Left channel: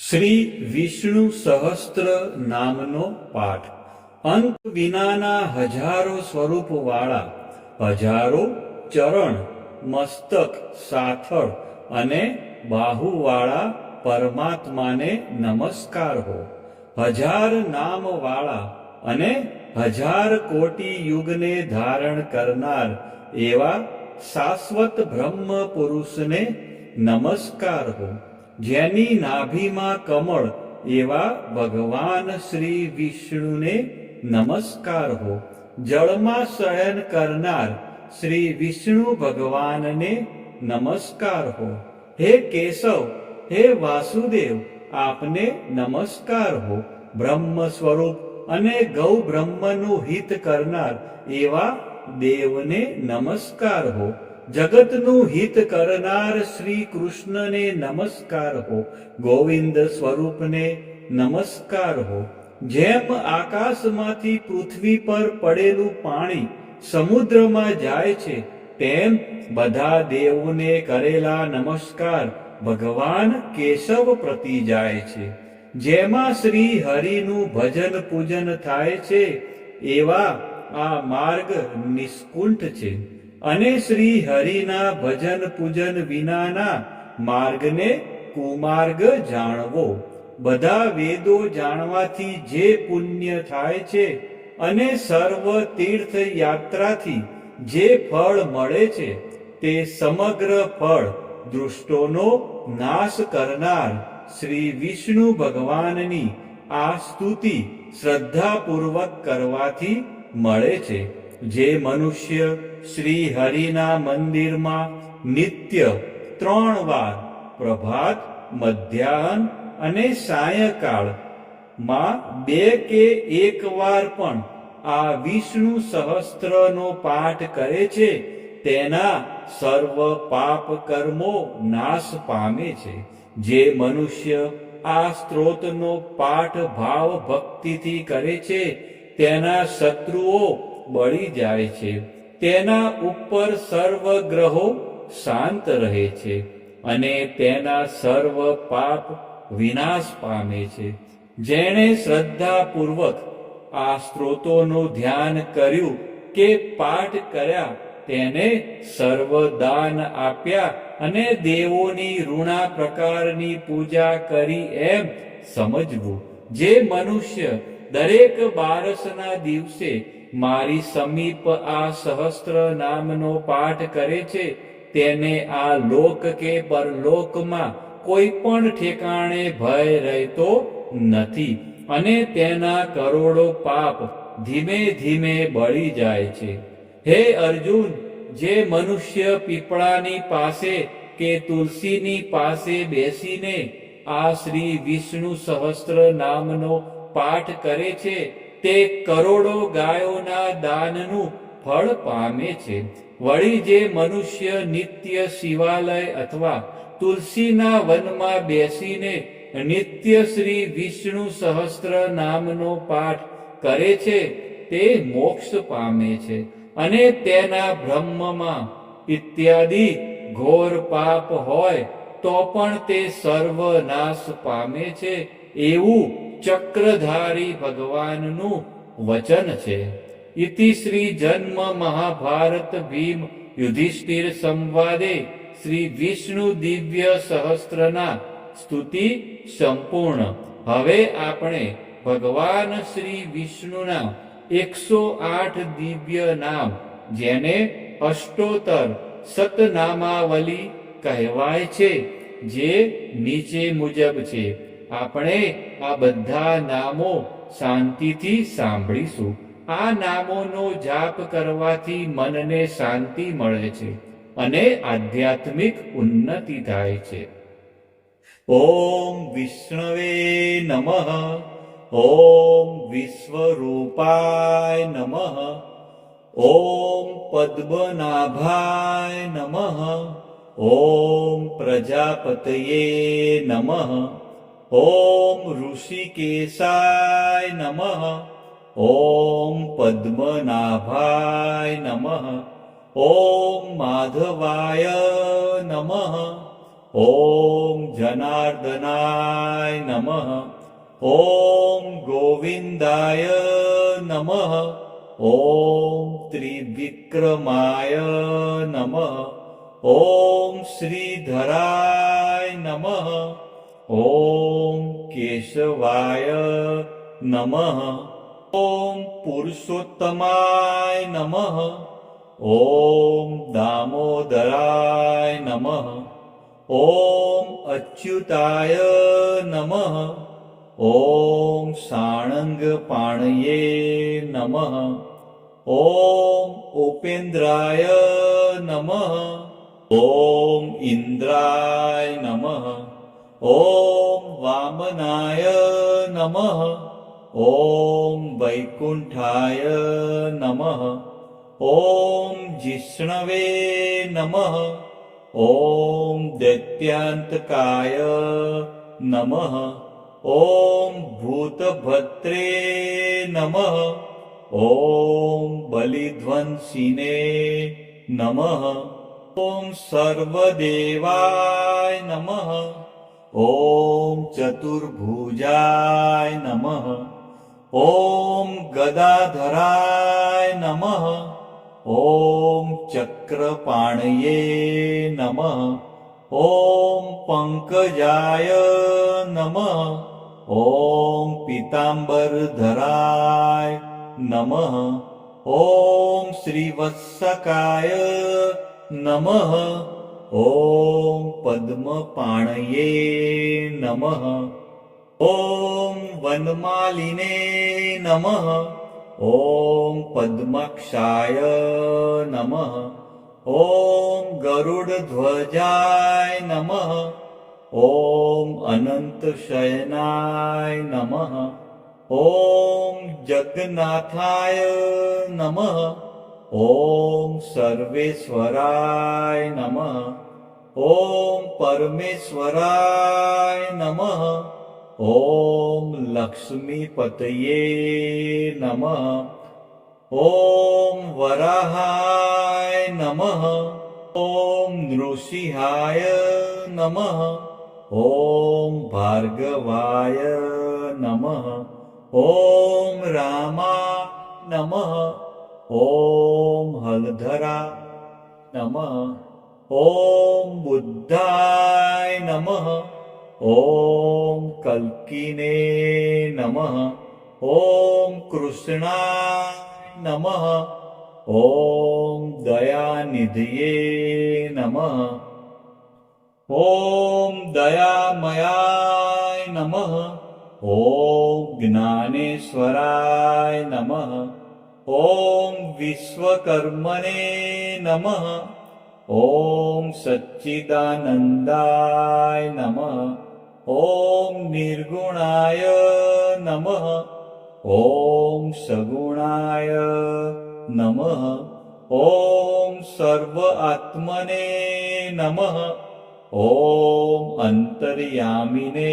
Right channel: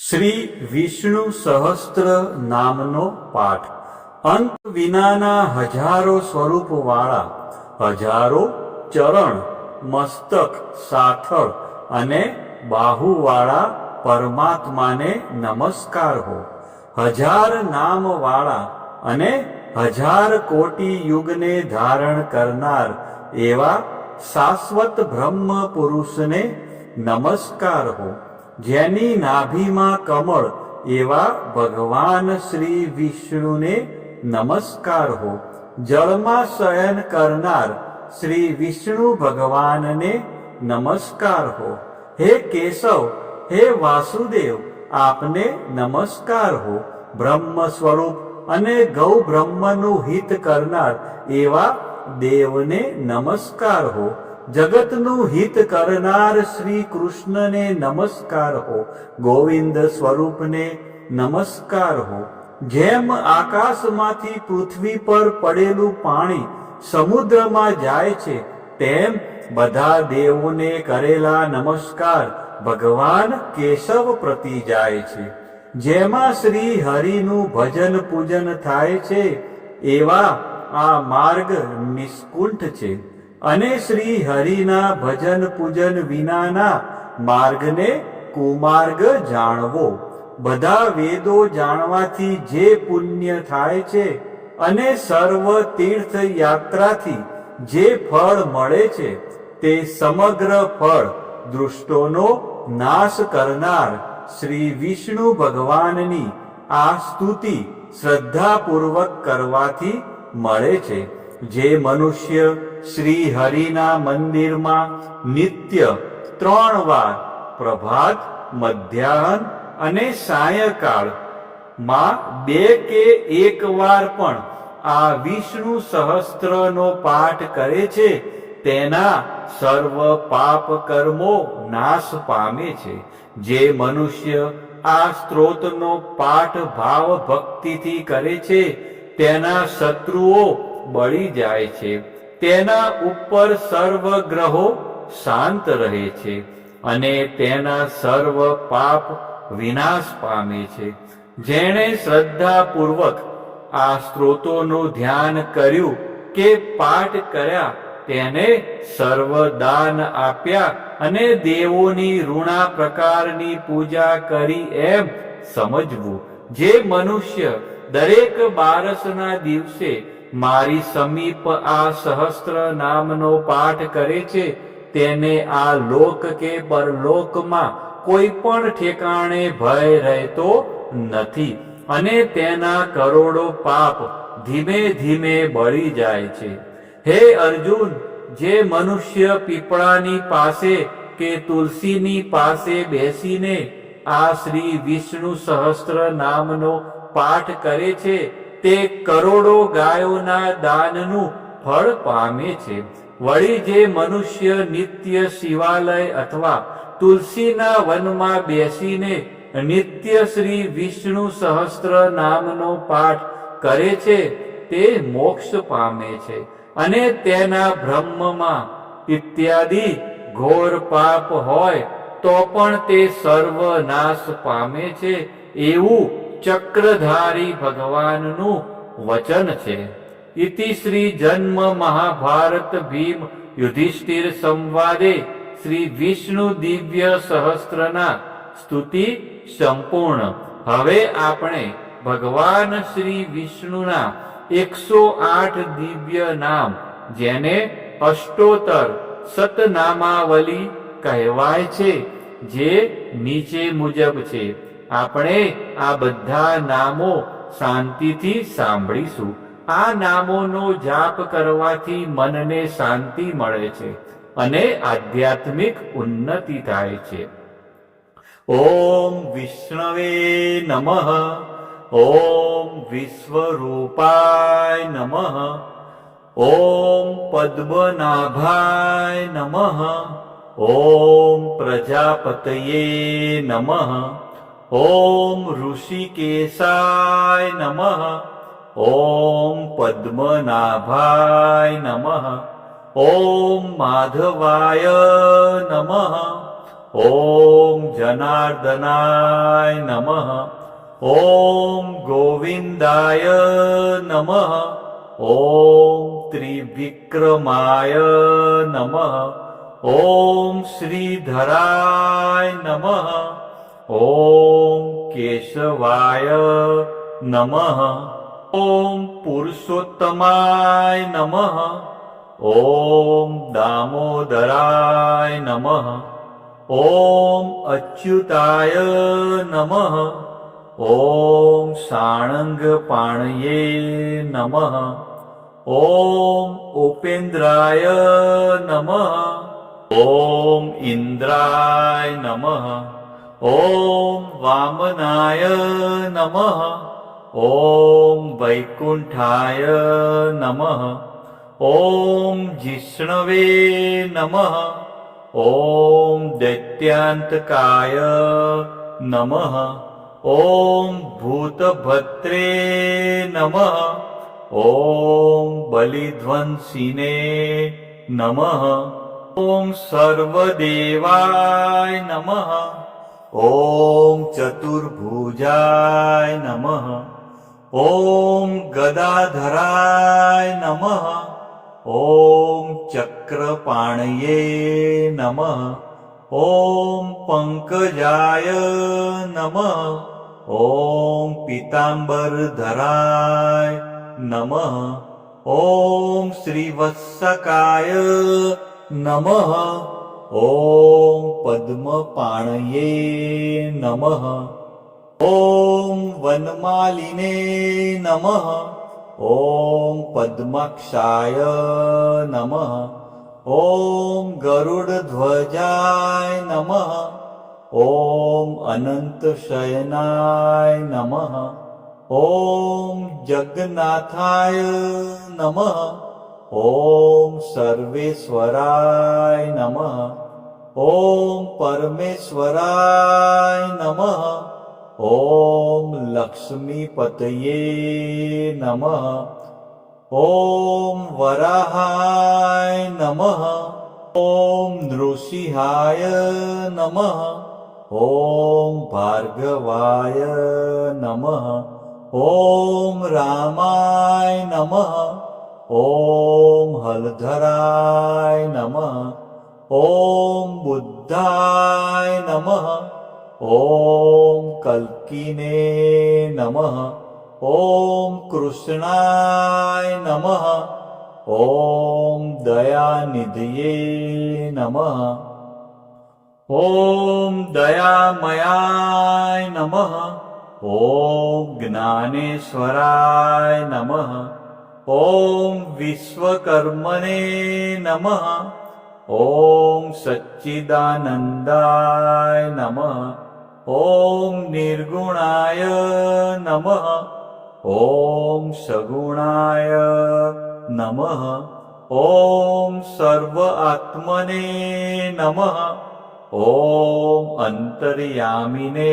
શ્રી વિષ્ણુ સહસ્ત્ર નામનો પાઠ અંત વિનાના હજારો સ્વરૂપવાળા હજારો ચરણ મસ્તક સાથળ અને બાહુવાળા પરમાત્માને નમસ્કાર હો. હજાર નામવાળા અને હજાર કોટી યુગને ધારણ કરનાર એવા શાશ્વત બ્રહ્મ પુરુષને નમસ્કાર હો. જેની નાભીમાં કમળ એવા ભગવાન શ્રી વિષ્ણુને નમસ્કાર હો. જળમાં શયન કરનાર શ્રી વિષ્ણુ ભગવાનને નમસ્કાર હો. હે કેશવ, હે વાસુદેવ, આપને નમસ્કાર હો. બ્રહ્મ સ્વરૂપ અને ગૌ બ્રહ્મનું હિત કરનાર એવા દેવને નમસ્કાર હો. જગતનું હિત કરનાર શ્રી કૃષ્ણને નમસ્કાર હો. ગોવિંદ સ્વરૂપને નમસ્કાર હો. જેમ આકાશમાંથી પૃથ્વી પર પડેલું પાણી સમુદ્રમાં જાય છે, તેમ બધા દેવોને કરેલા નમસ્કાર ભગવાન કેશવ પ્રતિ જાય છે. જેમાં શ્રી હરિનું ભજન પૂજન થાય છે એવા આ માર્ગ નિષ્કુંઠ છે, અને શ્રી હરિના ભજન પૂજન વિનાના માર્ગને કુમાર્ગ જાણવો. બધા વેદો જાણવાથી જે પુણ્ય થાય છે અને સર્વ તીર્થ યાત્રાથી જે ફળ મળે છે, તે સમગ્ર ફળ દુષ્ટોનો નાશ કરનાર શ્રી વિષ્ણુ ભગવાનની આ સ્તુતિ શ્રદ્ધાપૂર્વક કરવાથી મળે છે. જે મનુષ્ય શ્રી હરિના મંદિરમાં નિત્ય 3 વાર પ્રભાત, મધ્યાહન અને સાયંકાળ માં 2 કે 1 વાર પણ આ વિષ્ણુ સહસ્ત્રનો પાઠ કરે છે, તેના સર્વ પાપ કર્મો નાશ પામે છે. જે મનુષ્ય આ સ્ત્રોતનો પાઠ ભાવ ભક્તિથી કરે છે, તેના શત્રુઓ બળી જાય છે. તેના ઉપર સર્વ ગ્રહો શાંત રહે છે અને તેના સર્વ પાપ વિનાશ પામે છે. જેણે શ્રદ્ધાપૂર્વક આ સ્ત્રોતોનું ધ્યાન કર્યું કે પાઠ કર્યા, તેને સર્વ દાન આપ્યા અને દેવોની ઋણા પ્રકારની પૂજા કરી એમ સમજવું. જે મનુષ્ય દરેક બારસના દિવસે મારી સમીપ આ સહસ્ત્ર નામનો પાઠ કરે છે, તેને આ લોક કે પરલોકમાં કોઈ પણ ઠેકાણે ભય રહેતો નથી અને તેના કરોડો પાપ ધીમે ધીમે બળી જાય છે. હે અર્જુન, જે મનુષ્ય પીપળાની પાસે કે તુલસીની પાસે બેસીને આ શ્રી વિષ્ણુ સહસ્ત્ર નામનો પાઠ કરે છે, તે કરોડો ગાયોના દાનનું ફળ પામે છે. વળી જે મનુષ્ય નિત્ય શિવાલય અથવા તુલસીના વનમાં બેસીને નિત્ય શ્રી વિષ્ણુ સહસ્ત્ર નામનો પાઠ કરે છે, તે મોક્ષ પામે છે અને તેના બ્રહ્મમાં ઇત્યાદિ ઘોર પાપ હોય તો પણ તે સર્વનાશ પામે છે, એવું ચક્રધારી ભગવાનનું વચન છે. ઇતિ શ્રી જન્મ મહાભારત ભીમ યુધિષ્ઠિર સંવાદે શ્રી વિષ્ણુ દિવ્ય સહસ્ત્રના સ્તુતિ સંપૂર્ણ. હવે આપણે ભગવાન શ્રી વિષ્ણુના 108 દિવ્ય નામ, જેને અષ્ટોત્તર સતનામાવલી કહેવાય છે, જે નીચે મુજબ છે. આપણે આ બધા નામો શાંતિથી સાંભળીશું. આ નામોનો જાપ કરવાથી મનને શાંતિ મળે છે અને આધ્યાત્મિક ઉન્નતિ થાય છે. ઓમ વિષ્ણવે નમઃ. ઓમ વિશ્વરૂપાય નમઃ. ઓમ પદ્મનાભાય નમઃ. ઓમ પ્રજાપતયે નમઃ. ઓમ ઋષિકેશાય નમઃ. ઓમ પદ્મનાભાય નમઃ. ઓમ માધવાય નમઃ. ॐ जनार्दनाय नमः ॐ गोविन्दाय नमः ॐ त्रिविक्रमाय नमः ॐ श्रीधराय नमः ॐ केशवाय नमः ॐ पुरुषोत्तमाय नमः ॐ दामोदराय नमः ॐ अच्युताय नमः ॐ साणङ्गपाणये नमः ॐ उपेन्द्राय नमः ॐ इन्द्राय नमः ॐ वामनाय नमः ॐ वैकुण्ठाय नमः ॐ जिष्णवे नमः ॐ दैत्यान्तकाय नमः ॐ भूतभद्रे नमः ॐ बलिध्वंसिने नमः ॐ सर्वदेवाय नमः ॐ चतुर्भुजाय नमः ॐ गदाधराय नमः ॐ चक्रपाणये नमः ॐ पङ्कजाय नमः ॐ पीताम्बरधराय नमः ॐ श्रीवत्सकाय नमः ॐ पद्मपाणये नमः ॐ वनमालिने नमः ॐ पद्माक्षाय नमः ॐ गरुडध्वजाय नमः ॐ अनन्तशयनाय नमः ॐ जगन्नाथाय नमः ॐ सर्वेश्वराय नमः ॐ परमेश्वराय नमः ॐ लक्ष्मीपतये नमः ॐ वराहाय नमः ॐ नृसिंहाय नमः ॐ भार्गवाय नमः ॐ रामाय नमः ॐ हलधराय नमः ॐ बुद्धाय नमः ॐ कल्किने नमः ॐ कृष्णाय नमः ॐ दयानिधये नमः ॐ दयामयाय नमः ॐ ज्ञानेश्वराय नमः ॐ विश्वकर्मणे नमः ॐ सच्चिदानन्दाय नमः ॐ निर्गुणाय नमः ॐ सगुणाय नमः ॐ सर्व आत्मने नमः ॐ अन्तर्यामिने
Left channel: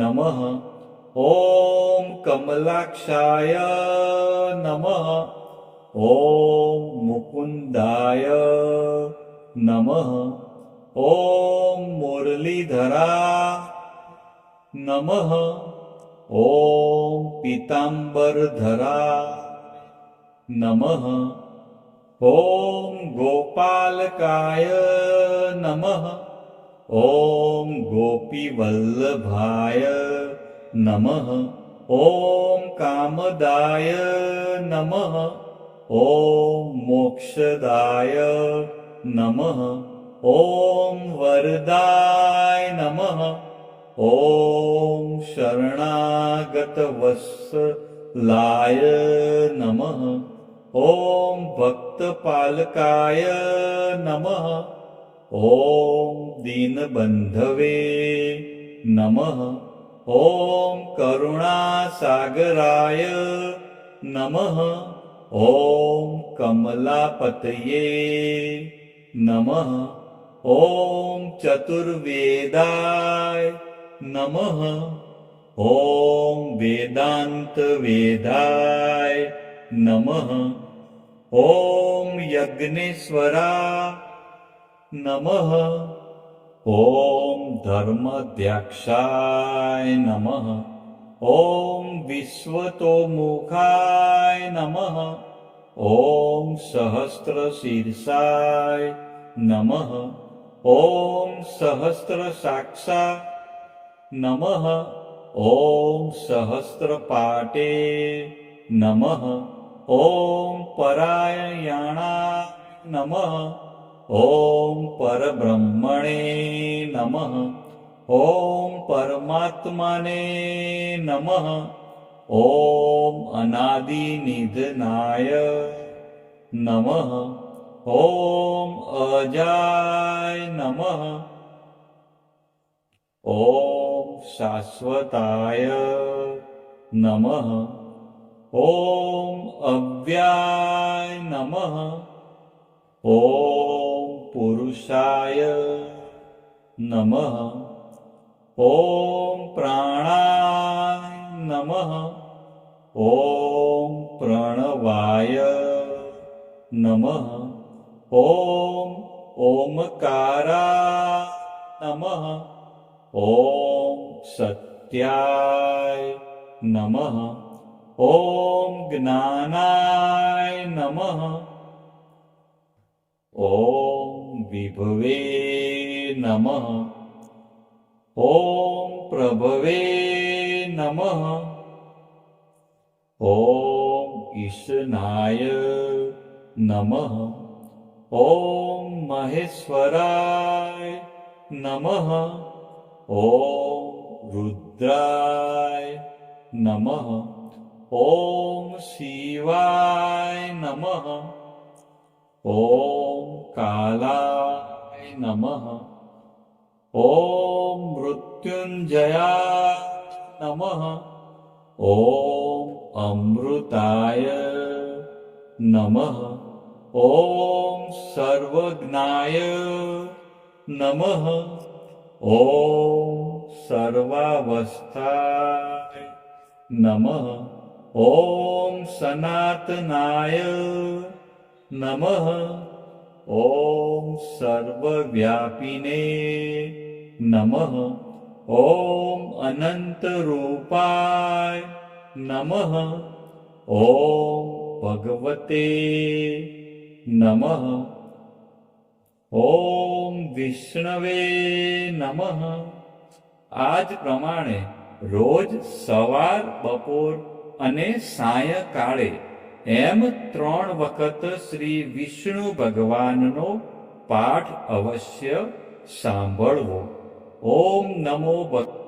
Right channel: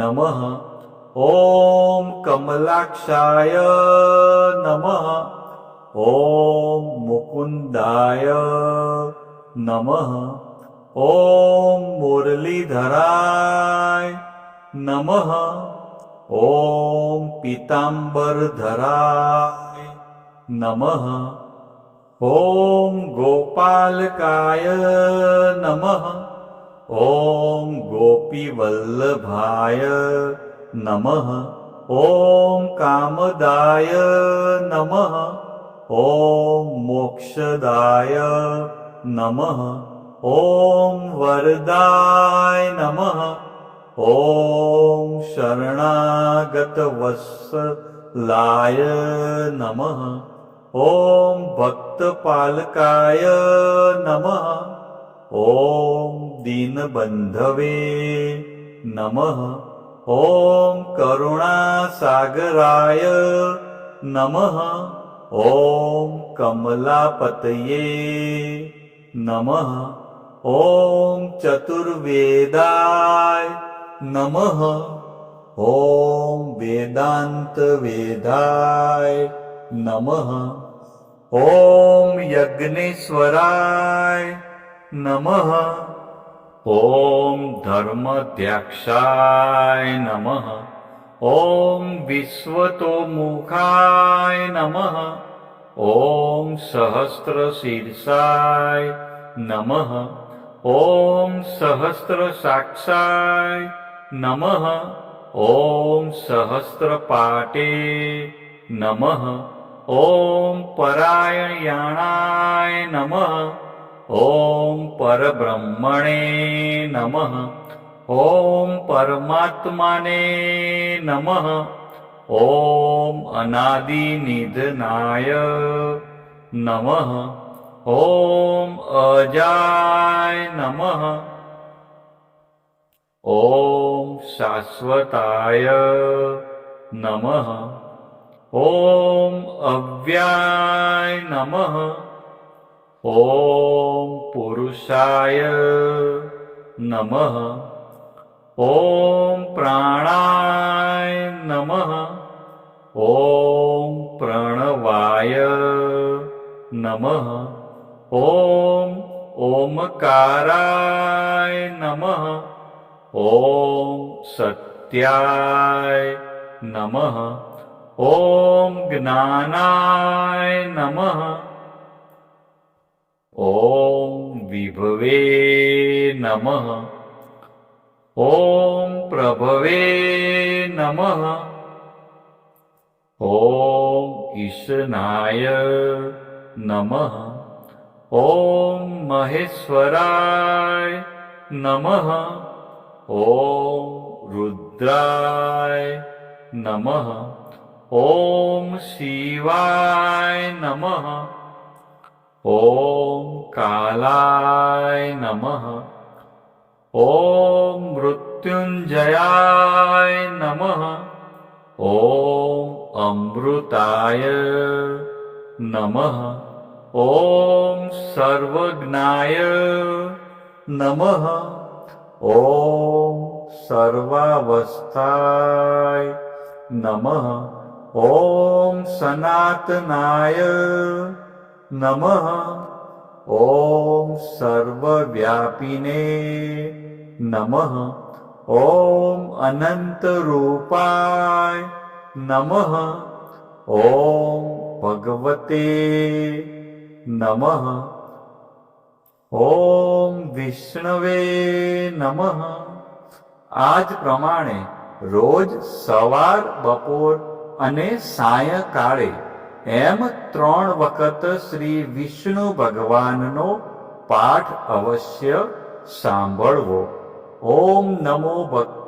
नमः ॐ कमलाक्षाय नमः ॐ मुकुन्दाय नमः ॐ मुरलीधराय नमः ॐ पीताम्बरधराय नमः ॐ गोपालकाय नमः ॐ गोपीवल्लभाय नमः ॐ कामदाय नमः ॐ मोक्षदाय नमः ॐ वरदाय नमः ॐ शरणागतवत्सलाय नमः ॐ भक्तपालकाय नमः ॐ दीनबन्धवे नमः ॐ करुणासागराय नमः ॐ कमलापतये नमः ॐ चतुर्वेदाय नमः ॐ वेदान्तवेदाय नमः ॐ यज्ञेश्वराय नमः ॐ धर्मध्यक्षाय नमः। ॐ विश्वतोमुखाय नमः। ॐ सहस्रशीर्षाय नमः। ॐ सहस्रसाक्षाय नमः। ॐ सहस्रपाटे नमः। ॐ परायणाय नमः। ॐ परब्रह्मणे नमः। ॐ परमात्मने नमः। ॐ अनादिनिधनाय नमः। ॐ अजाय नमः। ॐ शाश्वताय नमः। ॐ अव्ययाय नमः। ॐ पुरुषाय नमः। ॐ प्राणाय नमः। ॐ प्रणवाय नमः। ॐ ओमकाराय नमः। ॐ सत्याय नमः। ॐ ज्ञानाय नमः। ॐ विभवे नमः। ॐ प्रभवे नमः। ॐ ईशनाय नमः। ॐ महेश्वराय नमः। ॐ रुद्राय नमः। ॐ शिवाय नमः। ॐ कालाय नमः। ॐ मृत्युंजयाय नमः। ॐ अमृताय नमः। ॐ सर्वज्ञाय नमः। ॐ सर्वावस्थाय नमः। ॐ सनातनाय नमः। ॐ सर्वव्यापिने नमः। ॐ अनन्तरूपाय नमः। ॐ भगवते नमः। ॐ વિષ્ણવે નમઃ। આ જ પ્રમાણે રોજ સવાર, બપોર અને સાયંકાળે એમ 3 વખત શ્રી વિષ્ણુ ભગવાનનો પાઠ અવશ્ય સાંભળવો. ઓમ નમો ભગવાન